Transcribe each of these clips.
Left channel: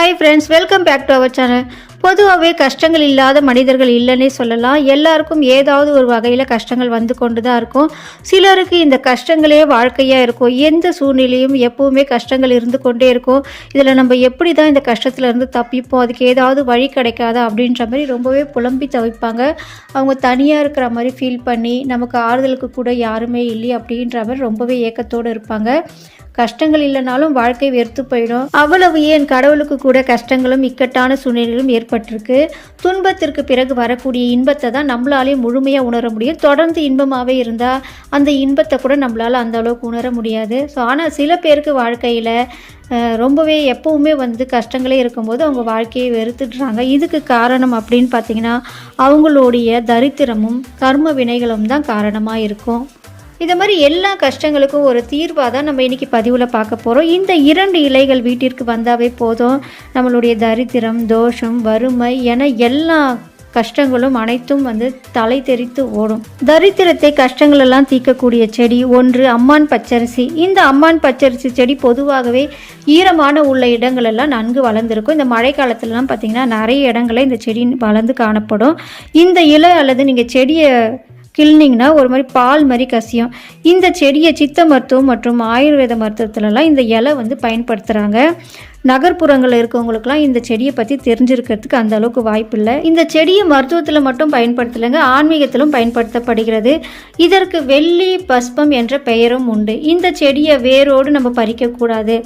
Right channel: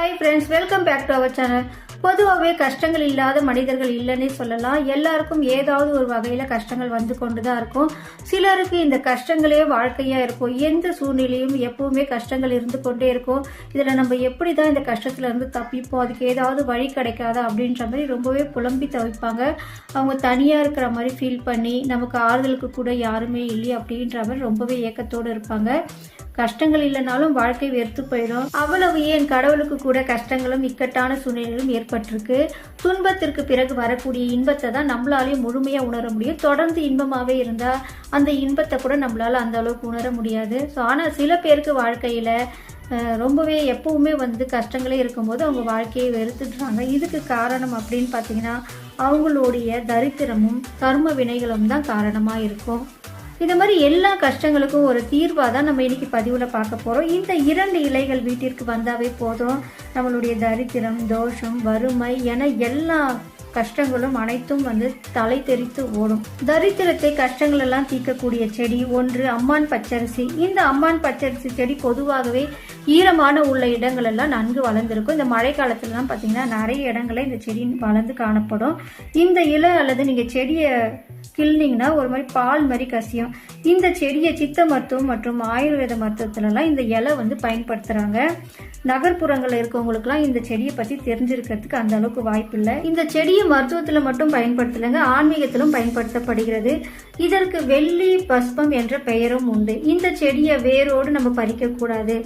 Hi friends, welcome back to our channel. பொதுவாகவே கஷ்டங்கள் இல்லாத மனிதர்கள் இல்லைன்னே சொல்லலாம். எல்லாருக்கும் ஏதாவது ஒரு வகையில் கஷ்டங்கள் வந்து கொண்டு தான் இருக்கும். சிலருக்கு இந்த கஷ்டங்களே வாழ்க்கையாக இருக்கும். எந்த சூழ்நிலையும் எப்போவுமே கஷ்டங்கள் இருந்து கொண்டே இருக்கும். இதில் நம்ம எப்படி தான் இந்த கஷ்டத்துலேருந்து தப்பிப்போம், அதுக்கு ஏதாவது வழி கிடைக்காதா அப்படின்ற மாதிரி ரொம்பவே புலம்பி தவிப்பாங்க. அவங்க தனியாக இருக்கிற மாதிரி ஃபீல் பண்ணி நமக்கு ஆறுதலுக்கு கூட யாருமே இல்லை அப்படின்ற மாதிரி ரொம்பவே ஏக்கத்தோடு இருப்பாங்க. கஷ்டங்கள் இல்லைனாலும் வாழ்க்கை வெறுத்து போயிடும். அவ்வளவு ஏன் கடவுளுக்கு கூட கஷ்டங்களும் இக்கட்டான சூழ்நிலைகளும் ஏற்பட்டிருக்கு. துன்பத்திற்கு பிறகு வரக்கூடிய இன்பத்தை தான் நம்மளாலே முழுமையாக உணர முடியும். தொடர்ந்து இன்பமாகவே இருந்தால் அந்த இன்பத்தை கூட நம்மளால் அந்த அளவுக்கு உணர முடியாது. ஆனால் சில பேருக்கு வாழ்க்கையில் ரொம்பவே எப்பவுமே கஷ்டங்களே இருக்கும்போது அவங்க வாழ்க்கையை வெறுத்துடுறாங்க. இதுக்கு காரணம் அப்படின்னு பார்த்திங்கன்னா அவங்களுடைய தரித்திரமும் கர்ம வினைகளும் தான் காரணமாக இருக்கும். இது மாதிரி எல்லா கஷ்டங்களுக்கும் ஒரு தீர்வாக தான் நம்ம இன்றைக்கி பதிவில் பார்க்க போகிறோம். இந்த 2 இலைகள் வீட்டிற்கு வந்தாவே போதும், நம்மளுடைய தரித்திரம், தோஷம், வறுமை என எல்லா கஷ்டங்களும் அனைத்தும் தலை தெரித்து ஓடும். தரித்திரத்தை கஷ்டங்களெல்லாம் தீர்க்கக்கூடிய செடி ஒன்று அம்மான் பச்சரிசி. இந்த அம்மான் பச்சரிசி செடி பொதுவாகவே ஈரமான உள்ள இடங்களெல்லாம் நன்கு வளர்ந்துருக்கும். இந்த மழை காலத்துலலாம் பார்த்திங்கன்னா நிறைய இடங்களில் இந்த செடி வளர்ந்து காணப்படும். இந்த இலை அல்லது நீங்கள் செடியை கிள்னிங்கன்னா ஒரு மாதிரி பால் மாதிரி கசியும். இந்த செடியை சித்த மருத்துவம் மற்றும் ஆயுர்வேத மருத்துவத்துலலாம் இந்த இலை பயன்படுத்துகிறாங்க. நகர்ப்புறங்களில் இருக்கவங்களுக்குலாம் இந்த செடியை பற்றி தெரிஞ்சிருக்கிறதுக்கு அந்த அளவுக்கு வாய்ப்பு இல்லை. இந்த செடியை மருத்துவத்தில் மட்டும் பயன்படுத்தலைங்க, ஆன்மீகத்திலும் பயன்படுத்தப்படுகிறது. இதற்கு வெள்ளி பஸ்பம் என்ற பெயரும் உண்டு. இந்த செடியை வேரோடு நம்ம பறிக்கக்கூடாது.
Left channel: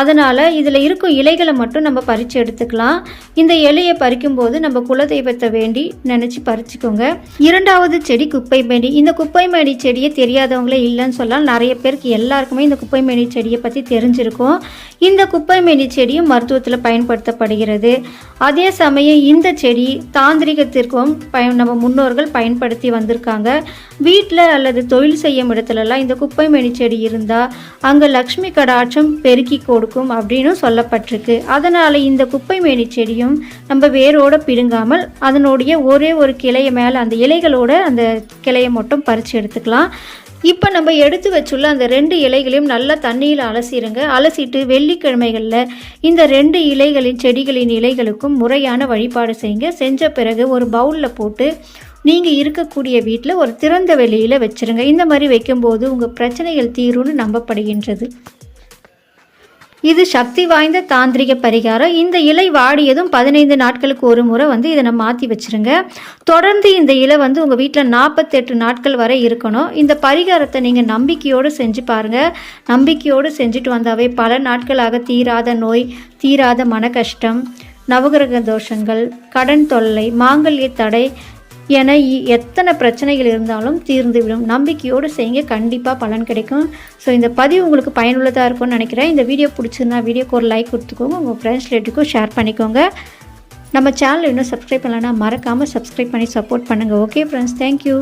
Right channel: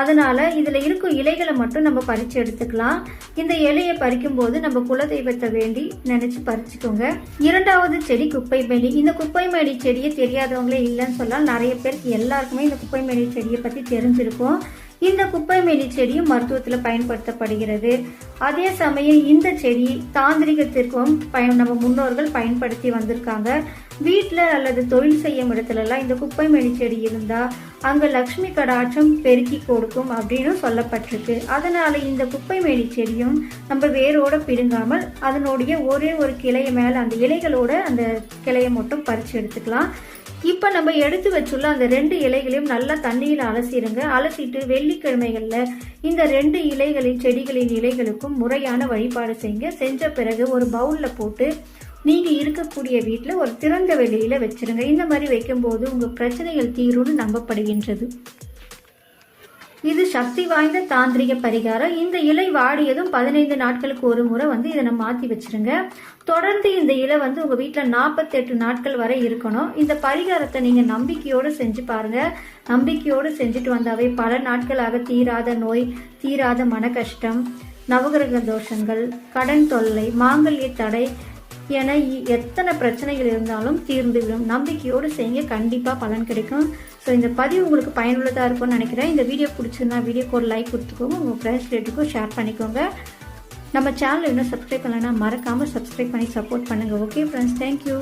அதனால் இதில் இருக்கும் இலைகளை மட்டும் நம்ம பறித்து எடுத்துக்கலாம். இந்த இலையை பறிக்கும்போது நம்ம குலதெய்வத்தை வேண்டி நினச்சி பறிச்சுக்கோங்க. 2வது செடி குப்பைமேனி. இந்த குப்பைமேனி செடியை தெரியாதவங்களே இல்லைன்னு சொல்லலாம். நிறைய பேருக்கு எல்லாருக்குமே இந்த குப்பைமேனி செடியை பற்றி தெரிஞ்சிருக்கும். இந்த குப்பைமேனி செடியும் மருத்துவத்தில் பயன்படுத்தப்படுகிறது. அதே சமயம் இந்த செடி தாந்திரிகத்திற்கும் நம்ம முன்னோர்கள் பயன்படுத்தி வந்திருக்காங்க. வீட்டில் அல்லது தொழில் செய்யும் இடத்துலலாம் இந்த குப்பைமேனி செடி இருந்தால் அங்கே லக்ஷ்மி கடாட்சம் பெருக்கி கொடுக்கும் அப்படின்னு சொல்லப்பட்டிருக்கு. அதனால் இந்த குப்பைமேனி செடியும் நம்ம வேரோடு பிடுங்காமல் அதனுடைய ஒரே ஒரு கிளையை மேலே அந்த இலைகளோட அந்த கிளையை மட்டும் பறித்து எடுத்துக்கலாம். இப்போ நம்ம எடுத்து வச்சுள்ள அந்த 2 இலைகளையும் நல்லா தண்ணியில் அலசிடுங்க. அலசிட்டு வெள்ளிக்கிழமைகளில் இந்த 2 இலைகளின் செடிகளின் இலைகளுக்கும் முறையான வழிபாடு செய்யுங்க. செஞ்ச பிறகு ஒரு பவுலில் போட்டு நீங்கள் இருக்கக்கூடிய வீட்டில் ஒரு திறந்த வெளியில் வச்சுருங்க. இந்த மாதிரி வைக்கும்போது உங்கள் பிரச்சனைகள் தீரும்னு நம்பப்படுகின்றது. இது சக்தி வாய்ந்த தாந்திரிக பரிகாரம். இந்த இலை வாடியதும் 15 நாட்களுக்கு ஒரு முறை இதை நம்ம மாற்றி வச்சுருங்க. தொடர்ந்து இந்த இலை உங்கள் வீட்டில் 48 நாட்கள் வரை இருக்கணும். இந்த பரிகாரத்தை நீங்கள் நம்பிக்கையோடு செஞ்சு பாருங்கள். நம்பிக்கையோடு செஞ்சுட்டு வந்தாவே பல நாட்களாக தீராத நோய், தீராத மன கஷ்டம், நவகிரக தோஷங்கள், கடன் தொல்லை, மாங்கல்ய தடை என எத்தனை பிரச்சனைகள் இருந்தாலும் தீர்ந்துவிடும். நம்பிக்கையோடு செய்யுங்க, கண்டிப்பாக பலன் கிடைக்கும். ஸோ இந்த பதிவு உங்களுக்கு பயனுள்ளதாக இருக்கும்னு நினைக்கிறேன். இந்த வீடியோ பிடிச்சிருந்தா வீடியோக்கு ஒரு லைக் கொடுத்துக்கோங்க, உங்கள் ஃப்ரெண்ட்ஸ் ரிலேட்டிவ்க்கும் ஷேர் பண்ணிக்கோங்க. நம்ம சேனல் இன்னும் சப்ஸ்கிரைப் பண்ணலைன்னா மறக்காமல் சப்ஸ்கிரைப் பண்ணி சப்போர்ட் பண்ணுங்கள். Okay friends, thank you.